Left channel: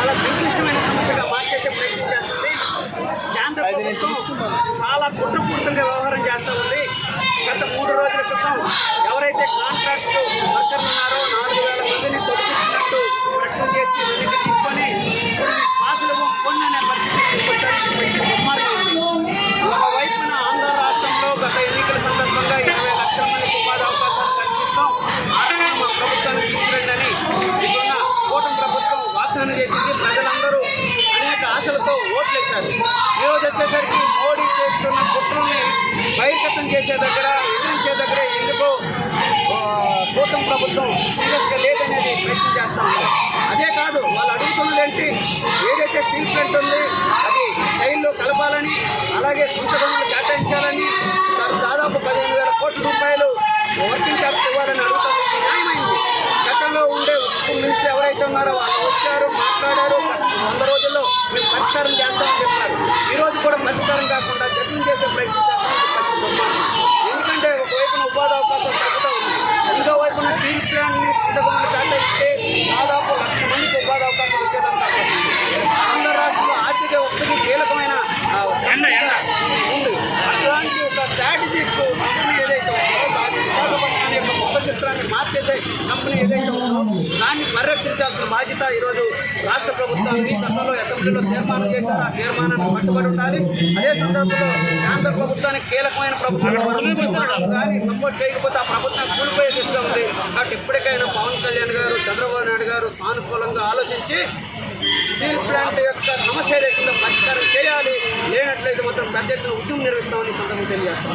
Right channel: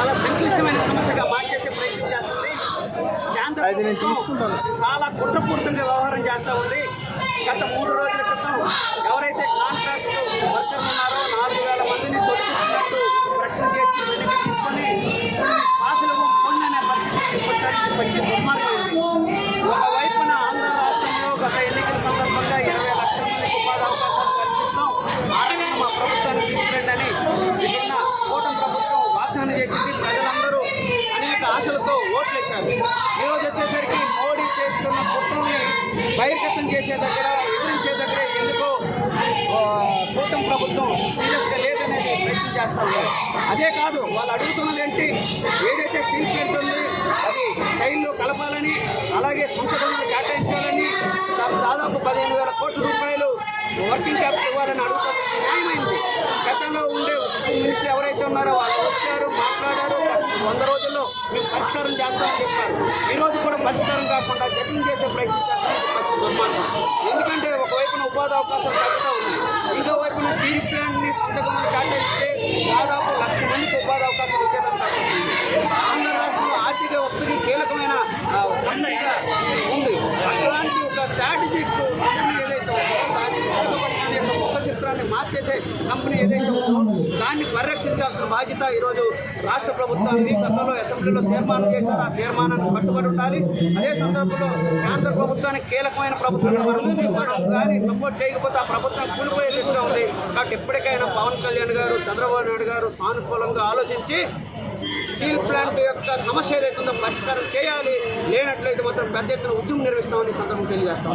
చాలా సంక్లిష్టమైన సమస్యగా మార్చేసే ప్రయత్నం చేస్తుంది. కేంద్ర ప్రభుత్వం చాలా కుట్రపూరితంగా వ్యవహారం చేస్తూ ఉంది. గత మూడు రోజుల క్రితం ఎవరైతే కాంట్రాక్ట్ వర్కర్లు ఉన్నారో నాలుగు వేల మందిని తొలగిస్తున్నట్టు ప్రకటన చేసి తీసుకొని పాసులు కొన్ని పరిస్థితి. ఓట్లేశారు. ఈరోజు వచ్చేసరికి మోడీ చేస్తున్న కుట్రల్ని బహిర్గతం చేసే దగ్గర ఎదిరించే దగ్గర ఎందుకో కూటమి ప్రభుత్వం సీరియస్గా లేదనేది ప్రయత్నం చేస్తాము అదే కాదు వాళ్ళు అడుగుతున్నది ఏంటి? ఏదైతే స్టీల్ ప్లాంట్ ఉంది అది రైల్లో కలపాలని అలాగే సొంత కేటాయించాలని దాదాపు దాదాపు పదిహేను వేల కోట్ల రూపాయలు వర్కింగ్ క్యాపిటల్ ఇవ్వాలని అడుగుతారు మినిస్టర్ ఉన్నారో వాళ్ళు వచ్చారు మాట్లాడారు. వంద రోజుల్లో మేము పరిష్కారం చేస్తామని చెప్పారు. ఈ రోజు కూడా పరిష్కారం కాకుండా జగన్ చేసే ప్రయత్నం చేస్తామని ఎందుకంటే ఒకవైపున ఉపాధి అవకాశం తగ్గుతూ ఉంది. ఇంకో వైపున స్టీల్ ప్లాంట్ని సొంత గనులు దాదాపు లక్ష మందికి ఉపాధి అవకాశం వచ్చేదాన్ని ఆంధ్ర రాష్ట్రంలో ఆర్థిక వ్యవస్థకి కీలకమైన ఉంది? అట్లాంటి ఒక స్ట్రాటజిక్ కంపెనీ ఏదైతే ఉందో విశాఖపట్నం యొక్క ముఖ చిత్రాన్ని మార్చేసే కంపెనీ ఏదైతే ఉందో పరిరక్షించాల్సిన బాధ్యత ఈరోజు రాష్ట్ర ప్రభుత్వానికి గతంలో అసెంబ్లీలో తీర్మానం చేశారు. ఆ తీర్మానానికి కట్టుబడి ఉండాలి. అదే సందర్భంలో కేంద్ర ప్రభుత్వానికి కీలకమైన ప్రభుత్వం కానీ సపోర్ట్ చేయకపోతే ఆ ప్రభుత్వం కూలిపోయే దిశగా ఉంది. కాబట్టి ఎప్పటికైనా పవన్ కళ్యాణ్ గారు చంద్రబాబు నాయుడు గారు సానుకూలంగా ఆలోచించి స్టీల్ ప్లాంట్ యొక్క సమస్య లేకుండా పరిష్కారం చేయాలి. లేనట్లయితే మాత్రం పెద్ద ఎత్తున ఉద్యమం నిర్వహిస్తామని సందర్భం తెలియజేస్తాం.